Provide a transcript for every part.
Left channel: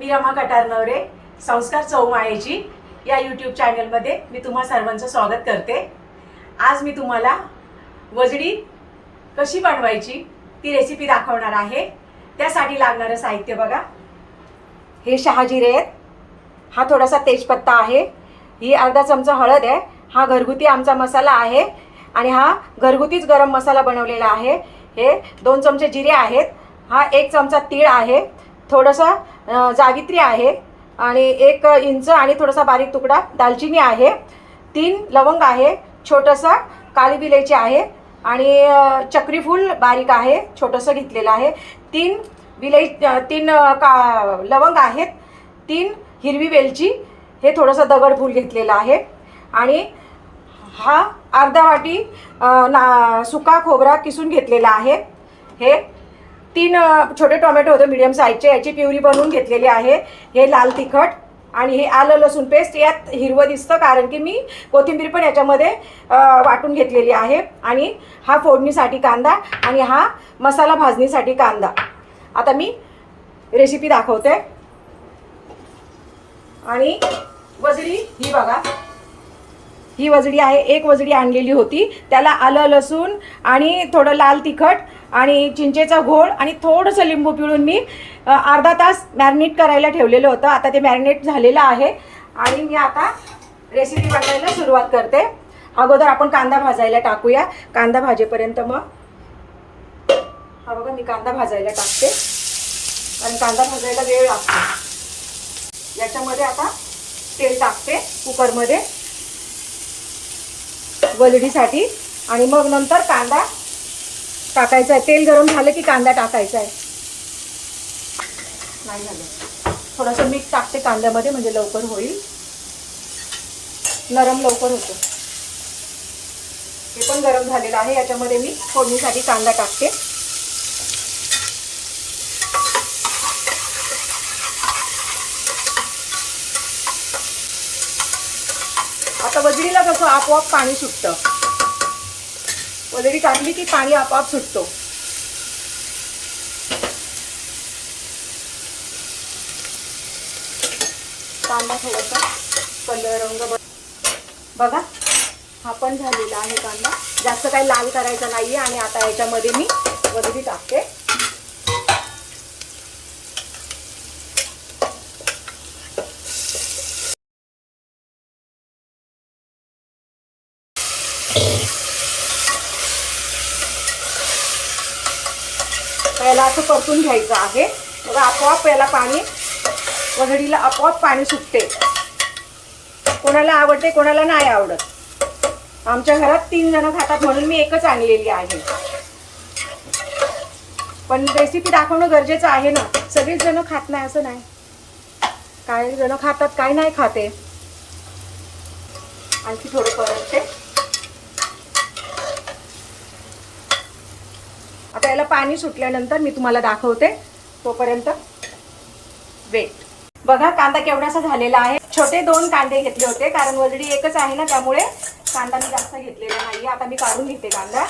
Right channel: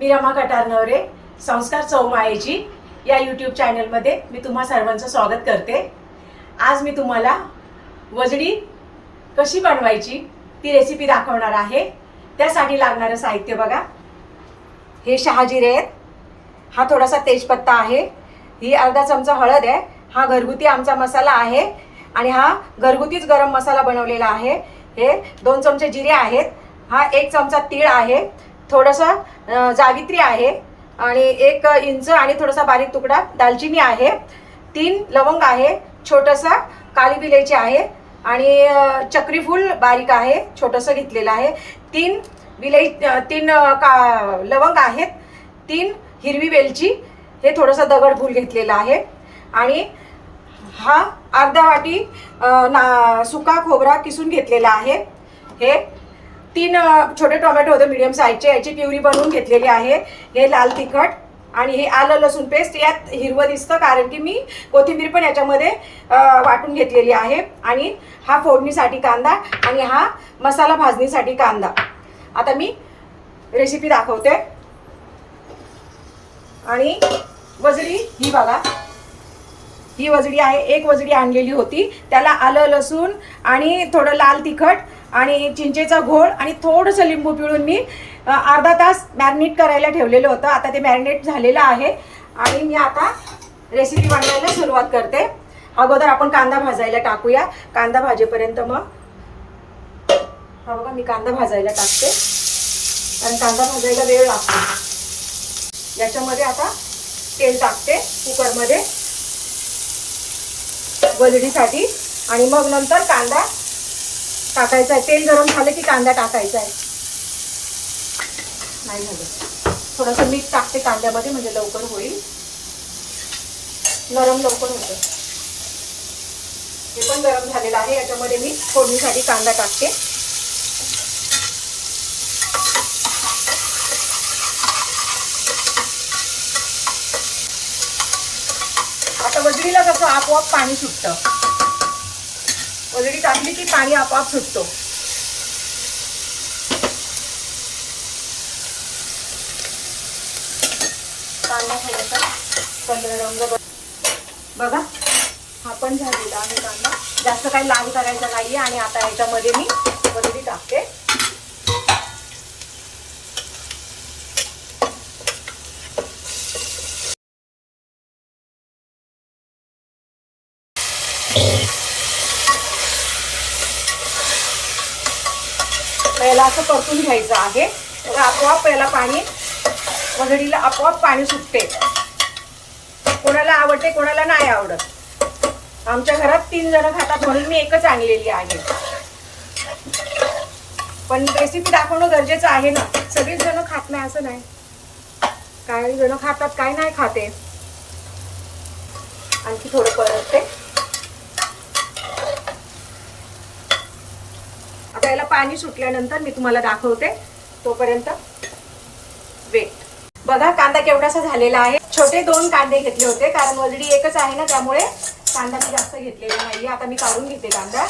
मी रमा कटारनवरे संस्कार चौमायेची या यूट्यूब चॅनलमध्ये मी तुम्हा सर्वांचं स्वागत करते. आज मी तुम्हाला वजडी कशी बनवायची ती रेसिपी दाखवणार आहे. त्यासाठी लागणारं साहित्य बघा. हे शहाजिरे आहेत. हा थोडासा तेजपत्ता आहे. ही अर्धा चमचा हळद आहे. हा घरगुती आमचा मसाला आहे. आणि हा घरगुतीच गरम मसाला बनवलेला आहे. हे दोन चमचे जिरे आहेत. हा एक चमचा तीळ आहे. थोडंसं जावित्री आहे आणि एक इंच आणि थोडासा बारीक तुकडा दालचिनी आहे. तीन लवंग आहे छोटंसं काली विलायची आहे आणि चक्रीफूल बारीक आहे छोटंसं घेतलेलं आहे. तीन विलाई तीन का लवंग आहेत. तीन हिरवी वेलची हे थोडंसं दगडफूल घेतलेलं आहे. आणि हा अर्धा वाटी ना सुका खोबरा किसून घेतलेला आहे. हे तीन छोटे टोमॅटो होते मीडियम साईजचे याची प्युरी बनवून घेतलेली आहे. हे लाल तिखट आणि हे आलं लसूण पेस्ट यात हिरवं दिसतं कारण की मी कोथिंबीर पण याच्यामध्ये वाटून घेतलेली आहे. आणि हा फोडणीसाठी कांदा आणि हा मसाला भाजणीसाठी कांदा. आता मी रेसिपी दाखवते. आणि वजडी ही बघा. ही वजडी आहे एक वजडी आणलेली होती. त्याला आलं लसूण आणि थोडं लाल तिखट आणि चिंचेचा घोळ आणि थोडंसं लिंबू पिळून मी अर्धा तास मॅरिनेट करायला ठेवलेलं होतं. आता ते मॅरिनेट झालेलं आहे. आणि मी आता रेसिपी बनवायला सुरुवात करते. अगोदर आपण कांदा भाजायला टाकूया. कांदा भाजेपर्यंत मग हा बघा मी कांदा भाजायला टाकते. आणि कांदा भाजायला वेळ लागतो. याच्यामध्ये आता तेल टाकते कुकरमध्ये. वजडीसाठी आणि मग नंतर कांदा टाकायचं आहे. तेल गरम झालं की कांदा टाकायचा आहे. नाही झालं. थोडंसं मीठ टाकते कांद्यामध्ये म्हणजे लवकर होईल. नरम लवकर होतं. हे पण गरम झालेलं आहे. याच्यामध्ये मी फोडणीसाठी कांदा टाकते. आता वजडीला कसं आपोआप पाणी सुटतं. ऑलरेडी टाकली की पाणी आपोआप सुटतो. कांदा थोडासा कलर रंग बघा हा पण झालेला आहे कांदा. जास्त काही लाल करायचा नाहीये आणि आता याच्यामध्ये मी ऑलरेडी टाकते. याला असं परतून घ्यायचं आहे. बघा आपोआप याला पाणी वजडीला आपोआप पाणी सुटते. कोणाला आवडते कोणाला नाही आवडत. आमच्या घरात तीन जण खातात म्हणून मी एकच आणलेली आहे. पण रेसिपी दाखवणं गरजेचं आहे ना. सगळीच जण खात नाही असं नाही. काही जण खातात काय नाही खाते. आणखी थोडं परतते. आता याला पाणी सुटल्यानंतर मी तुम्हाला दाखवते. तोपर्यंत वेट बघा कांदा केवढासा झालेला आहे. छोटे दोन कांदे घेतले होते कारण वजडी एकच आहे ना त्यामुळे कांदा मी जास्त घेतलेला नाही आता मी काढून घेते कांदा.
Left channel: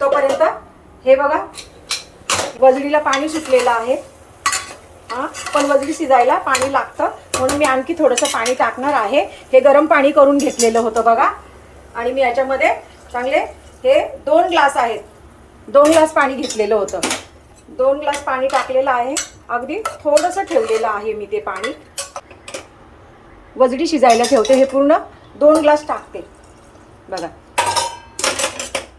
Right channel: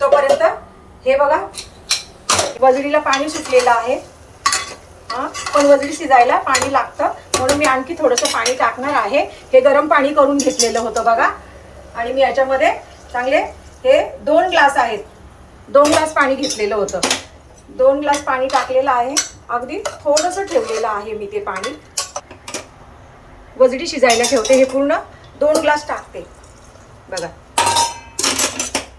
तोपर्यंत हे बघा वजडीला पाणी सुटलेलं आहे. पण वजडी शिजायला पाणी लागतं. म्हणून मी आणखी थोडंसं पाणी टाकणार आहे. हे गरम पाणी करून घेतलेलं होतं बघा. आणि मी याच्यामध्ये चांगले हे दोन ग्लास आहेत. दोन ग्लास पाणी घेतलेलं होतं. दोन ग्लास पाणी टाकलेलं आहे. अगदी थोडंसं ठेवलेलं आहे मी ते पाणी. वजडी शिजायला ठेवते हे पूर्ण. दोन ग्लास टाकते. बघा.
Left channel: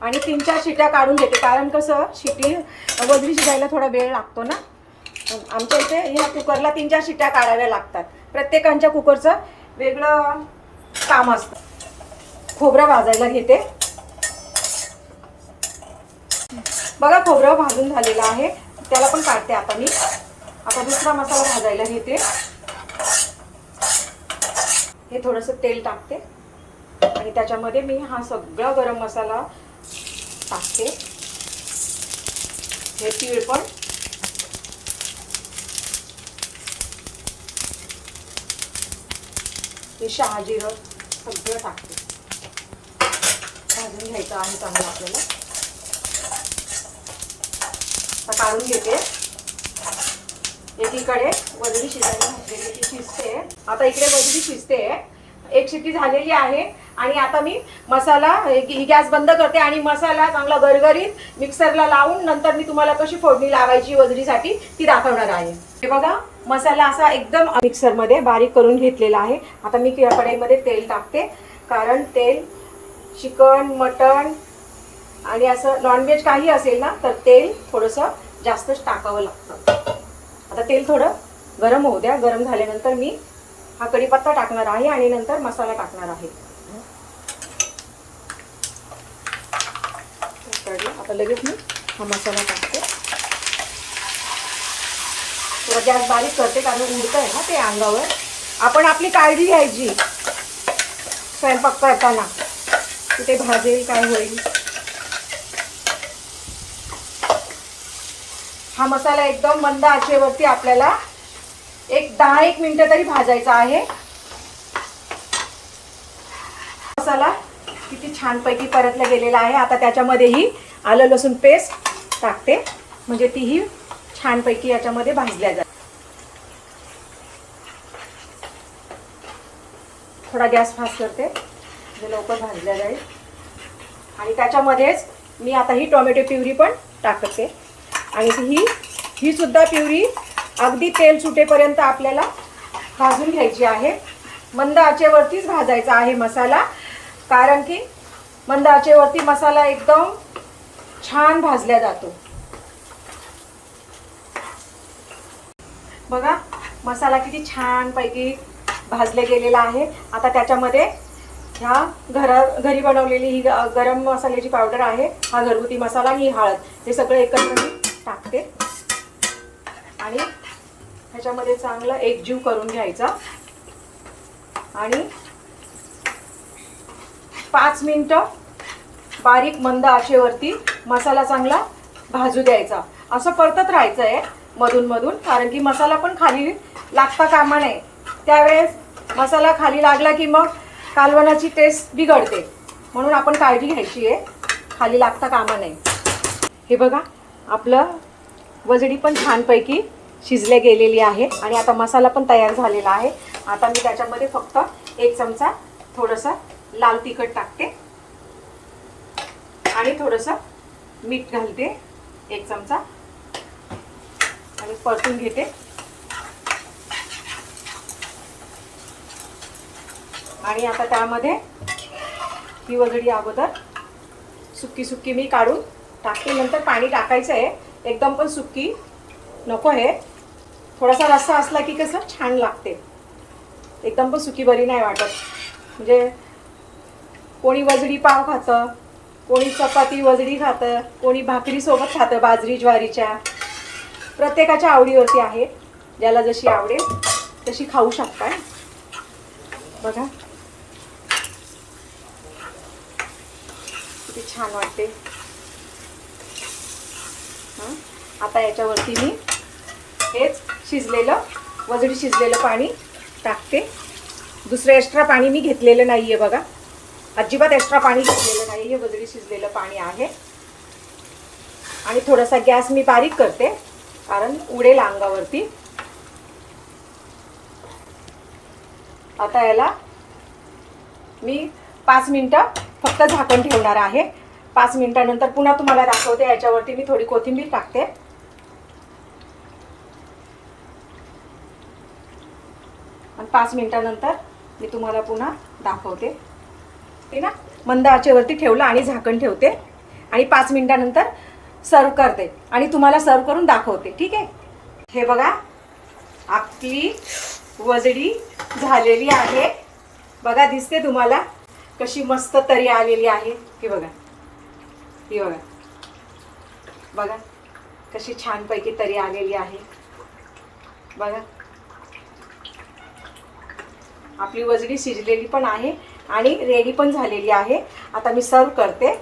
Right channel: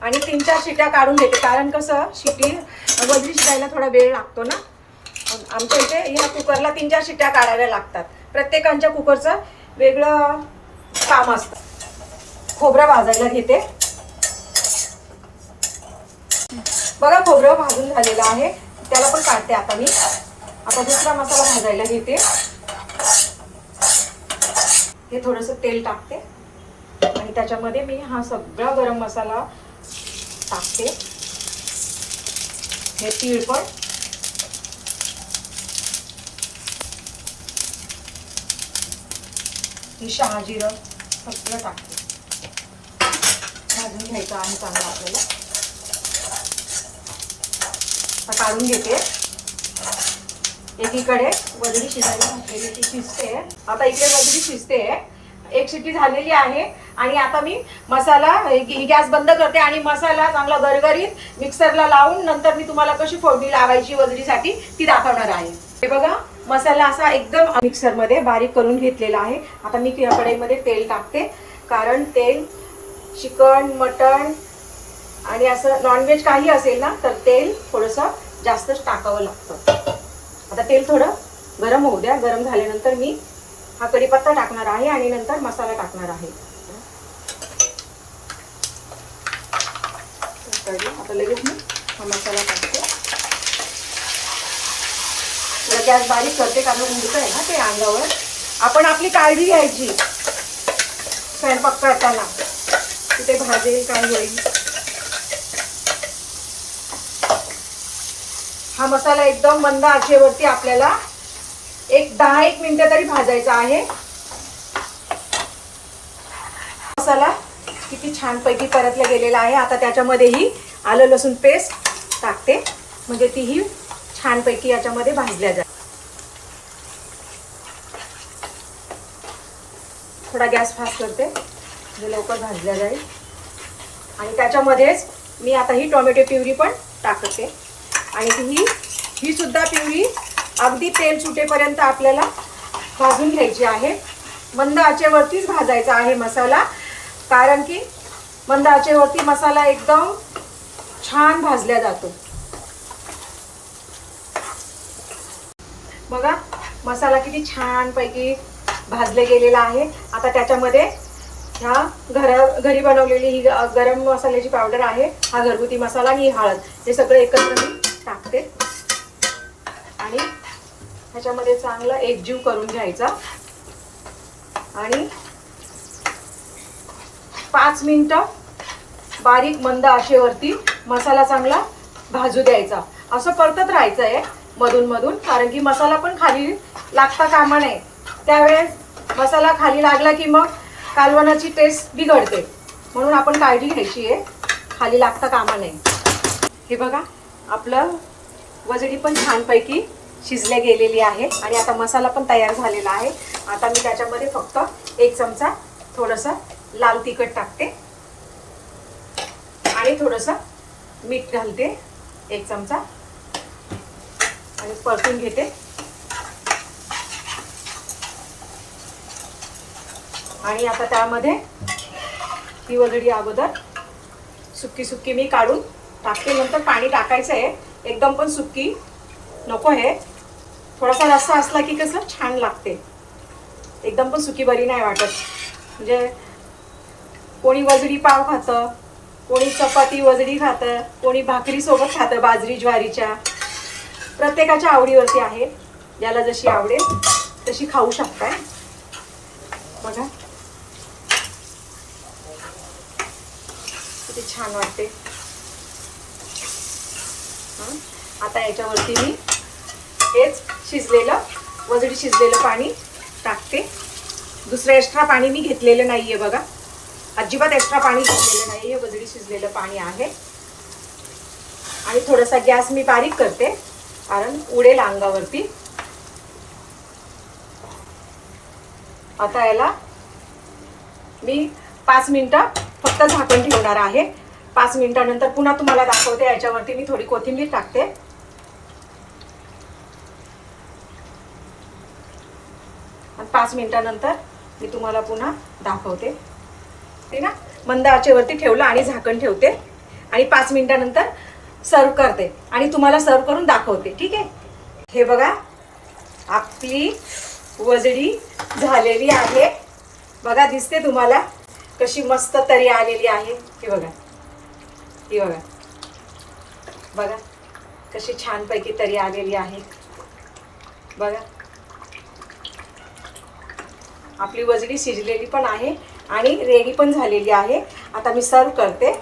आणि तीन चार शिट्या काढून घेते. कारण कसं शिटी वजडी शिजायला थोडा वेळ लागतो ना. आमच्या इथे ह्या कुकरला तीन चार शिट्या काढाव्या लागतात. प्रत्येकांच्या कुकरचं वेगळं काम असतं. खोबरं भाजायला घेते. बघा खोबरं भाजून झालेलं आहे. त्याला पण काढते आता मी आता दुसरा मसाला भाजायला घेते. हे थोडंसं तेल टाकते. आणि त्याच्यामध्ये मी हा सगळा गरम मसाला टाकते. हे तीळ पण. हे शहाजिरं सगळं टाकते. भाजून घ्यायचं आहे चांगलं आपल्याला. काढून घेते. एकीकडे वजडी शिजायला घातलेली ती शिजते. आता इकडे वजडी शिजते. एक शिट्टी झालेली आहे आणि आता मी मसाला ही गॅस बंद करते आणि मसाला चांगला गरगरीत मिक्सरला लावून नंतर मी तुम्हाला कशी फोडणी लावायची वजडीसाठी ती दाखवणार आहे. हे बघा मसाला असा एकदम मिक्सरमध्ये बारीक करून घेतलेला आहे. आता मी या कढईमध्ये तेल टाकते. कारण तेल चिकन मटण आणि असं नॉनव्हेज काही असेल ना तर तेल थोडंसं जास्तच टाकावं लागतं. आता तेल थोडं गरम होऊ द्या. गरम झाल्यानंतर मी हा कढीपत्ता टाकणार आहे आणि नंतर मसाला टाकणार आहे. आता लगेच मी हा मसाला टाकते. थोडा गॅस बारीक करते कारण उडत आहे ना ते अंगावर. आपण आपली काळजी घ्यायची स्वयंपाक करताना. कुठे भाजेल काय होईल? हा मसाला एकदम मंद आचेवरती आपल्याला एक दहा एक मिनिटं तरी भाजायचा आहे. मसाला किती छानपैकी परतला गेलेला आहे. आता त्याच्यामध्येही आलं लसूण पेस्ट टाकते. म्हणजे तीही छानपैकी याच्यामध्ये भाजल्या जाते थोडा गॅस फास्ट करते म्हणजे लवकर भाजल्या जाईल. आणि त्याच्यामध्येच मी आता ही टोमॅटो प्युरी पण टाकते. आणि ही ही सुद्धा प्युरी अगदी तेल सुटेपर्यंत आपल्याला भाजून घ्यायची आहे. मंद आचेवरतीच भाजायचा आहे मसाला कारण की मंद आचेवरती मसाला एकदम छान भाजल्या जातो. बघा मसाला किती छानपैकी भाजले गेलेला आहे. आता त्याच्यामध्ये ह्या घरा घरी बनवलेली ही गरम मसाल्याची पावडर आहे. हा घरगुती मसाला आणि ही हळद. हे सगळं एकत्र मी टाकते. आणि ह्याच्यामध्ये चांगला एकजीव करून घ्यायचा. आणि पाच मिनटं बारीक मंद आशेवरती मसाला चांगला भाजू द्यायचा. असं परतत राहायचं आहे मधून मधून कारण की मसाला पण खाली लागता कामा नये. त्यावेळेस मसाला खाली लागला की मग कालवणाची टेस्ट बिघडते. म्हणून आपण काळजी घ्यायची आहे. खाली लागता कामा नये. हे बघा आपलं वजडी पण छानपैकी शिजले गेलेली आहे आणि आता मसाला पण तयार झालेला आहे. आता मी त्याच्यामध्ये फक्त एक चमचा थोडंसं लाल तिखट टाकते. आणि थोडंसं मीठ घालते. एक चमचा परतून घेते. आणि आता त्यामध्ये ही वगडी अगोदर सुक्की सुक्की मी काढून टाकते. नंतर पाणी टाकायचं आहे. एकदम पण सुक्की नको आहे. थोडासा रस्सा असला की कसं छान लागते. एकदम पण सुकी बरी नाही वाटत. म्हणजे कोणी वजडी पाव खातं कोणी चपाती वजडी खातं कोणी भाकरीसोबत खातं बाजरी ज्वारीच्या. प्रत्येकाच्या आवडीवरती आहे. ज्याला जशी आवडेल तशी खाऊ शकताय. बघा. किती छान वाटते. आता याच्यावरती मी हेच शिजलेलं वजडी शिजलेलं पाणी टाकते. दुसरं एक्स्ट्रा पाणी मी घेतलेलं नाही आहे बघा. अजिबात एक्स्ट्रा पाणी घेतलेलं नाही हे वजडी शिजलेलं पाणी आहे. आणि थोडासा गॅस मी बारीक करते. कारण उडेल अंगावरती. आता याला मी पाच मिनटं फक्त झाकण ठेवणार आहे. पाच मिनटानंतर पुन्हा तुम्हाला दाखवते याच्यावरती मी थोडी कोथिंबीर टाकते. पाच मिनटानंतर मी तुम्हाला पुन्हा दाखवते. ते ना मंद आचेवरती ठेवलं आणि झाकण ठेवते. आणि पाच मिनिटानंतर सर्व करते आणि तुम्हाला सर्व करून दाखवते ठीक आहे? हे बघा आपली वजडी झालेली आहे. बघा दिसते तुम्हाला कशी मस्त तरी आलेली आहे. ती बघा ती बघा. बघा कशी छानपैकी तरी आलेली आहे. बघा. आपली वजडी शिजलेली पण आहे आणि रेडी पण झालेली आहे. आता मी सर्व करते.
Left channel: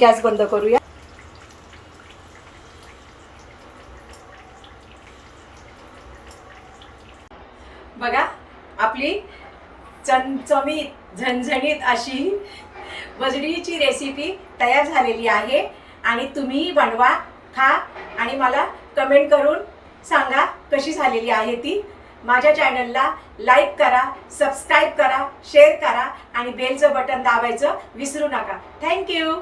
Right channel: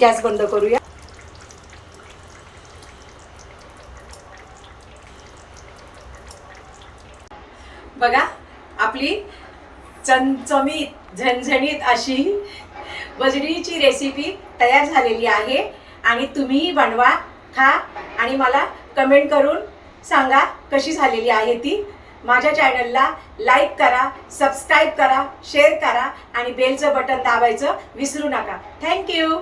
गॅस बंद करूया. बघा आपली चमचमीत झणझणीत अशी वजडीची रेसिपी तयार झालेली आहे आणि तुम्हीही बनवा खा आणि मला कमेंट करून सांगा कशी झालेली आहे ती. माझ्या चॅनलला लाईक करा सबस्क्राईब करा शेअर करा आणि बेलचं बटन दाबायचं विसरू नका. थँक्यू